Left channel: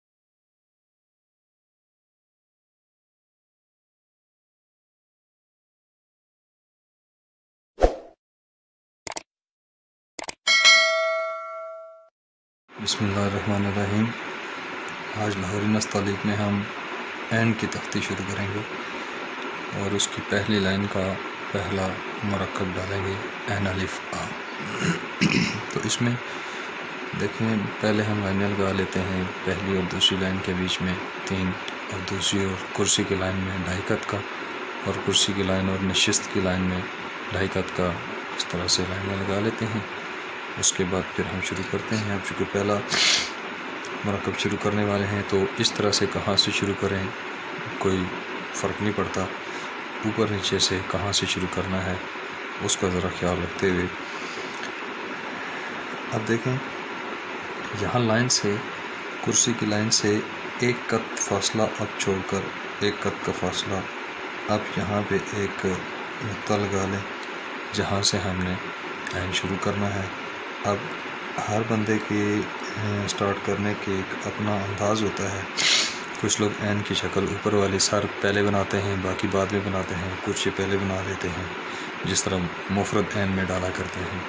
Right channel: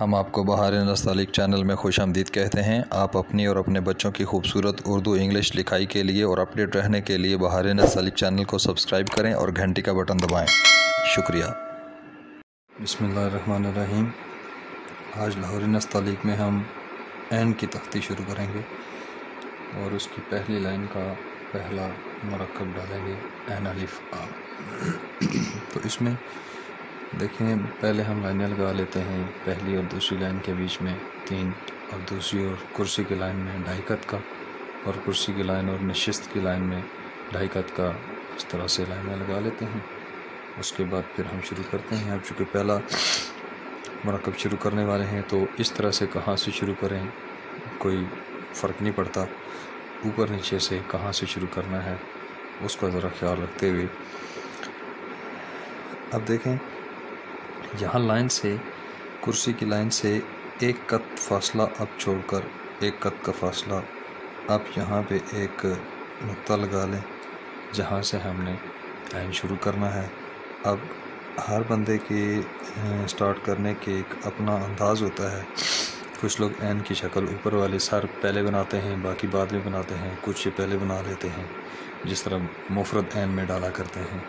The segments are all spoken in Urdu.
ہم آپ کو بہار نستعلیق چینل میں خوش آمدید کہتے ہیں۔ آپ اپنی اور اپنے بچوں کی خوبصورت اردو انگلش لکھائی کے لیے اور اپڈیٹ رہنے کے لیے بہار نستعلیق چینل کو سبسکرائب کریں اور گھنٹی کا بٹن دبائیں۔ شکریہ۔ بسم اللہ الرحمن الرحیم۔ آج بہار نستعلیق میں ہم این کی تختی شروع کریں گے اور اس کی پہلی لائن کا پہلا مرکب ڈالیں گے این الف آ۔ تو اس میں دیکھیں، پہلے ہم لائنیں لگا لیتے ہیں، پہلی اور دوسری لائن کے بیچ میں 3 اور دوسری اور کرسی کی لائن میں 2.5 قط کا، اور کرسی کی لائن اور نشست کی لائن میں 2.5 قط کا، اس طرح سے لائنیں لگا لیتے ہیں۔ اس کے بعد پھر ہم شروع کرتے ہیں۔ اب چونکہ پہلا مرکب شروع کرنے والے ہیں تو اس طرح سے کہاں سے شروع کریں کوئی فرق نہیں پڑتا، اوپر نیچے سے کہاں سے شروع کرنا ہے اس کا ذرا خیال رکھتے ہوئے اب دیکھیں، یہاں لائن سے، کرسی کی لائن سے 1 قط فاصلہ اب چھوڑ کر 1 قط کا فاصلہ اب یہاں پہ ایک نقطہ لگا لیں جہاں سے ہم نے لائن شروع کرنا ہے۔ اب ہر بندے کے سٹارٹ کرنے کے ایک اپنا انداز ہوتا ہے۔ کچھ لوگ این کی شکل اوپر والی سر پہلے بناتے ہیں، باقی بعد میں بناتے ہیں، کچھ یہ پہلے بنا لیتے ہیں جس طرح مفرد این میں ڈالا کرتے ہیں۔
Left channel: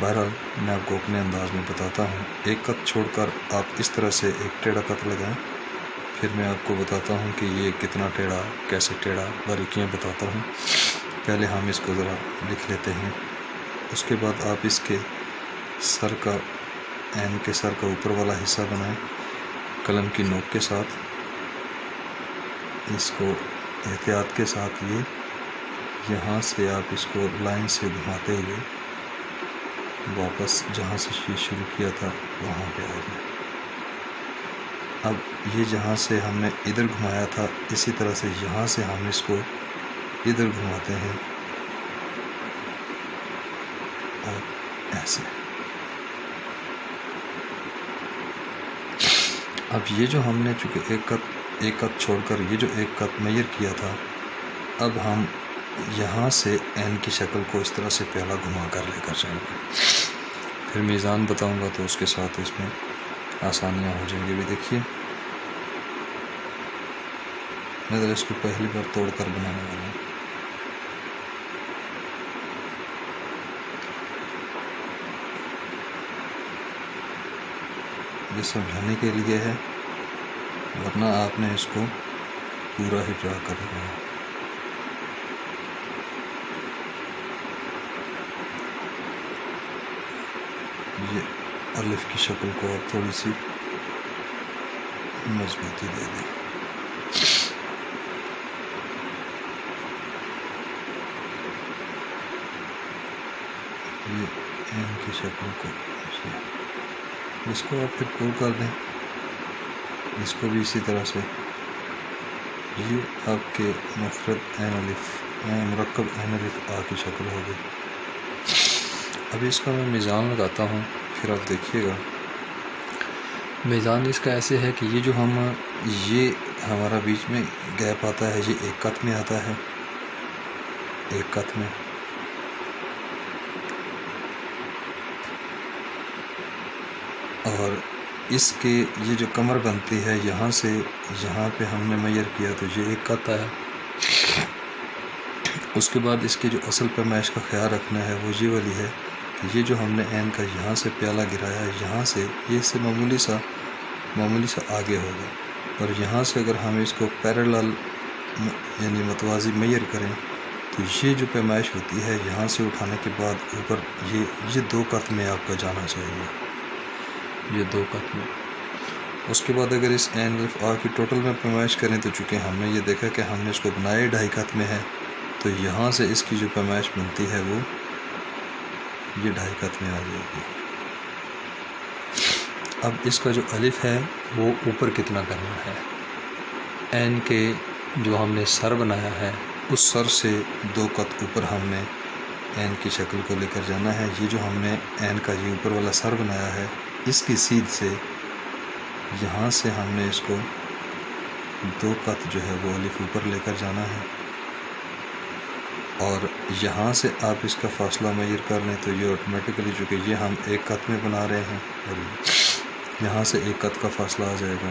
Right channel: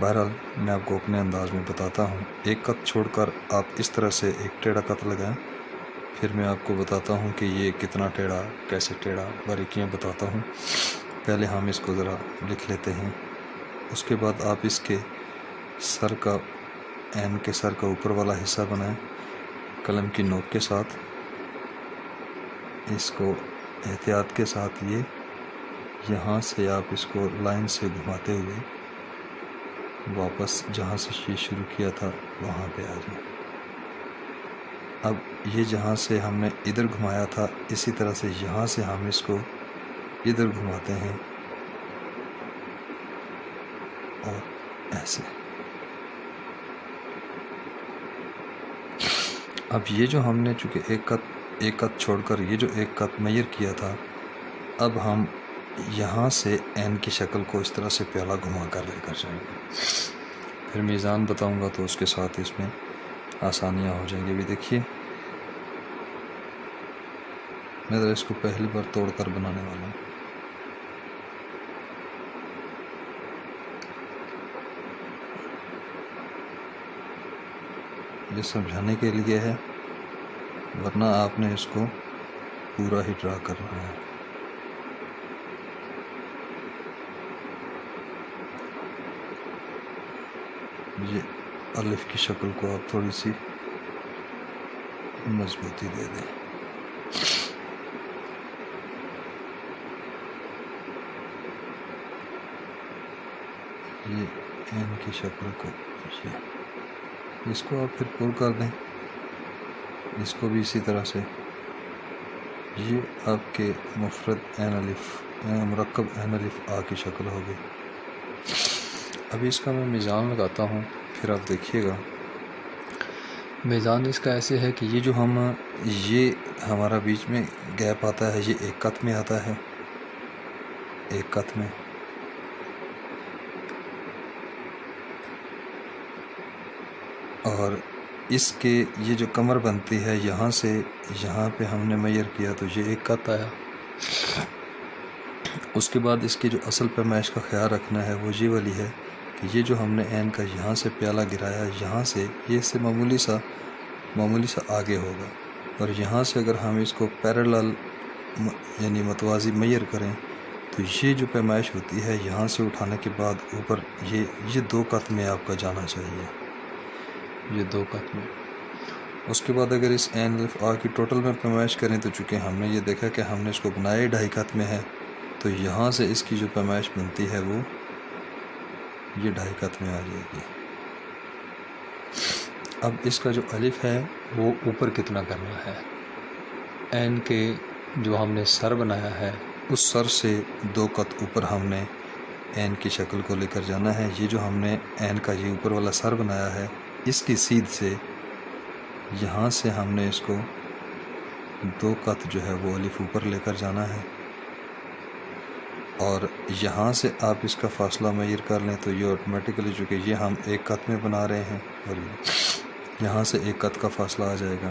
بہرحال میں آپ کو اپنے انداز میں بتاتا ہوں۔ 1 قط چھوڑ کر آپ اس طرح سے ایک ٹیڑھا قط لگائیں، پھر میں آپ کو بتاتا ہوں کہ یہ کتنا ٹیڑھا، کیسے ٹیڑھا، باریکیاں بتاتا ہوں۔ پہلے ہم اس کو ذرا لکھ لیتے ہیں۔ اس کے بعد آپ اس کے سر کا، این کے سر کا اوپر والا حصہ بنائیں قلم کی نوک کے ساتھ۔ اس کو احتیاط کے ساتھ یہاں سے آپ اس کو لائن سے گھماتے ہوئے واپس جہاں سے یہ شروع کیا تھا وہاں پہ آ جائیں۔ اب یہ جہاں سے ہم نے ادھر گھمایا تھا اسی طرح سے یہاں سے ہم اس کو ادھر گھماتے ہیں اور ایسے۔ اب یہ جو ہم نے چونکہ 1 قط چھوڑ کر یہ جو 1 قط میئر کیا تھا، اب ہم یہاں سے این کی شکل کو اس طرح سے پہلا گھما کر لے کر جائیں گے۔ پھر میزان بتاؤں گا تو اس کے ساتھ اس میں آسانیاں ہو جائیں گی۔ بھی دیکھیے، میں ذرا اس کو پہلی بار توڑ کر بنانے والا ہوں۔ یہ سمجھانے کے لیے ہے، ورنہ آپ نے اس کو پورا ہی ڈرا کرنا ہے۔ یہ الف کی شکل کو آپ تھوڑی سی مضبوطی دے دیں۔ یہ این کی شکل کو اس کو آپ پھر پور کر دیں، اس کو بھی اسی طرح سے۔ یہ آپ کے مفرد این الف، مرکب این الف آ کی شکل ہوگی۔ اب اس کا میں میزان لگاتا ہوں، پھر آپ دیکھیے گا۔ میزان اس کا ایسے ہے کہ یہ ہمارا بیچ میں گیپ آتا ہے، یہ 1 قط میں آتا ہے، 1 قط میں۔ اور اس کے یہ جو کمر بنتی ہے یہاں سے یہاں پہ ہم نے میئر کیا تو یہ 1 قط ہے۔ اس کے بعد اس کے جو اصل پیمائش کا خیال رکھنا ہے وہ یہ والی ہے کہ یہ جو ہم نے این کا یہاں سے پیالہ گرایا ہے، یہاں سے یہ اس سے معمولی سا آگے ہوگا، اور یہاں سے اگر ہم اس کو پیرالل یعنی متوازی میئر کریں تو یہ جو پیمائش ہوتی ہے یہاں سے اٹھانے کے بعد اوپر یہ 2 قط میں آپ کا جانا چاہیے، یہ 2 قط میں۔ اس کے بعد اگر اس این الف آ کی ٹوٹل میں پیمائش کریں تو چونکہ ہم نے یہ دیکھا کہ ہم نے اس کو بنایا 2.5 قط میں ہے، تو یہاں سے اس کی جو پیمائش بنتی ہے وہ یہ 2.5 قط میں آ جائے گی۔ اب اس کا جو الف ہے وہ اوپر کتنا کرنا ہے، این کے جو ہم نے سر بنایا ہے اس سر سے 2 قط اوپر ہم نے این کی شکل کو لے کر جانا ہے۔ یہ جو ہم نے این کا یہ اوپر والا سر بنایا ہے اس کی سیدھ سے یہاں سے ہم نے اس کو 2 قط جو ہے وہ الف اوپر لے کر جانا ہے، اور یہاں سے آپ اس کا فاصلہ میئر کر لیں تو یہ آٹومیٹکلی، چونکہ یہ ہم 1 قط میں بنا رہے ہیں، اور یہاں سے 1 قط کا فاصلہ آ جائے گا۔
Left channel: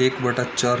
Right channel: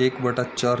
1/4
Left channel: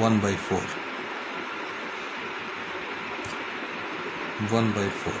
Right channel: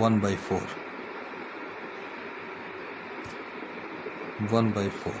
1/4, 1/4,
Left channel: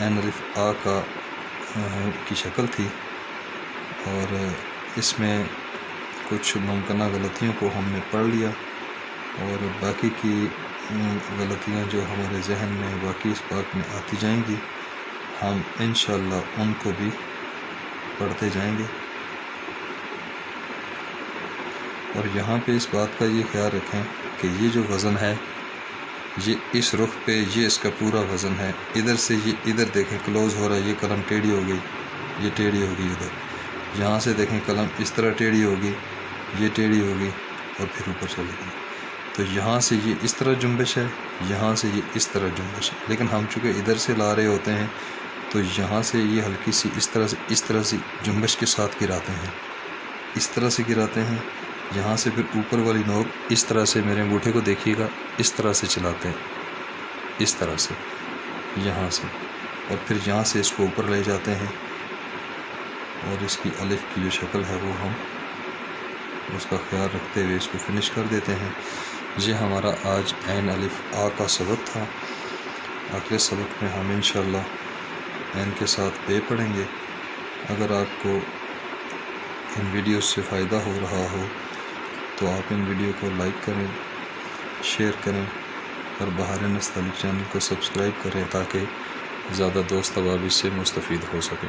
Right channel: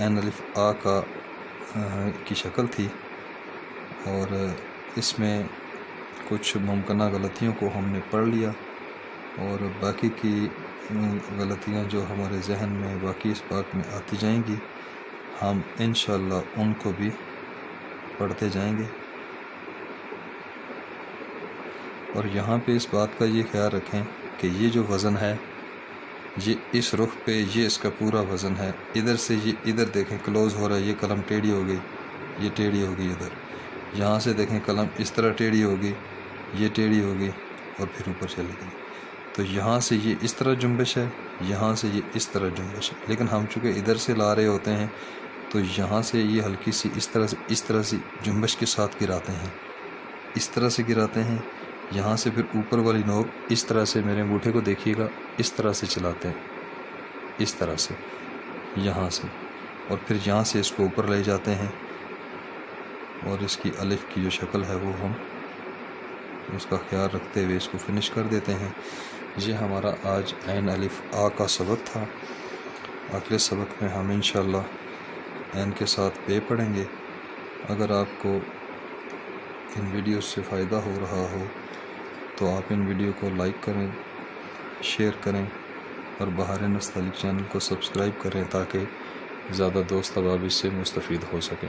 عین الف آ کی شکل تھی، اور اس میں کچھ ممکنہ غلطیوں کو ہم نے پڑھ لیا، اور باقی کی غلطیاں جو ہمارے ذہن میں باقی اس بات میں آتی جائیں گی، ہم انشاءاللہ ان کو بھی پڑھتے جائیں گے۔ اور یہاں پہ اس بات کا یہ خیال رکھیں کہ یہ جو وزن ہے یہ اس رخ پہ یہ اس کا پورا وزن ہے۔ ادھر سے یہ ادھر دیکھیں کلوز ہو رہا ہے، یہ قلم ٹیڑھی ہو گئی، یہ ٹیڑھی ہوگی ادھر، یہاں سے دیکھیں قلم اس طرح ٹیڑھی ہوگی، یہ ٹیڑھی ہوگی اور پھر اوپر چلے گئی۔ تو یہاں سے یہ اس طرح جنبش ہے، یہاں سے یہ اس طرح جنبش ہے، لیکن ہم چونکہ ادھر سے لا رہے ہوتے ہیں تو یہاں سے یہ ہلکی سی اس طرح سے جنبش کے ساتھ گراتے ہیں، اس طرح سے گراتے ہیں۔ یہاں سے پھر اوپر والی نوک اس طرح سے، میرے انگوٹھے کو دیکھیے گا، اس طرح سے چلاتے ہیں، اس طرح سے یہاں سے، اور پھر یہاں سے اس کو اوپر لے جاتے ہیں، اور اس کی الف کی جو شکل ہے وہ ہم اس کا خیال رکھتے ہوئے اس کو فنش کر دیتے ہیں۔ یہ ہمارا آج عین الف آ کا سبق تھا۔ اگلے سبق میں ہم انشاءاللہ عین کے ساتھ بے پڑھیں گے۔ اگر آپ کو ان ویڈیوز سے فائدہ ہو رہا ہو تو آپ ان ویڈیو کو لائک کریں، شیئر کریں، اور بہارِ نستعلیق چینل کو سبسکرائب کریں تاکہ زیادہ دوست احباب اس سے مستفید ہو سکیں۔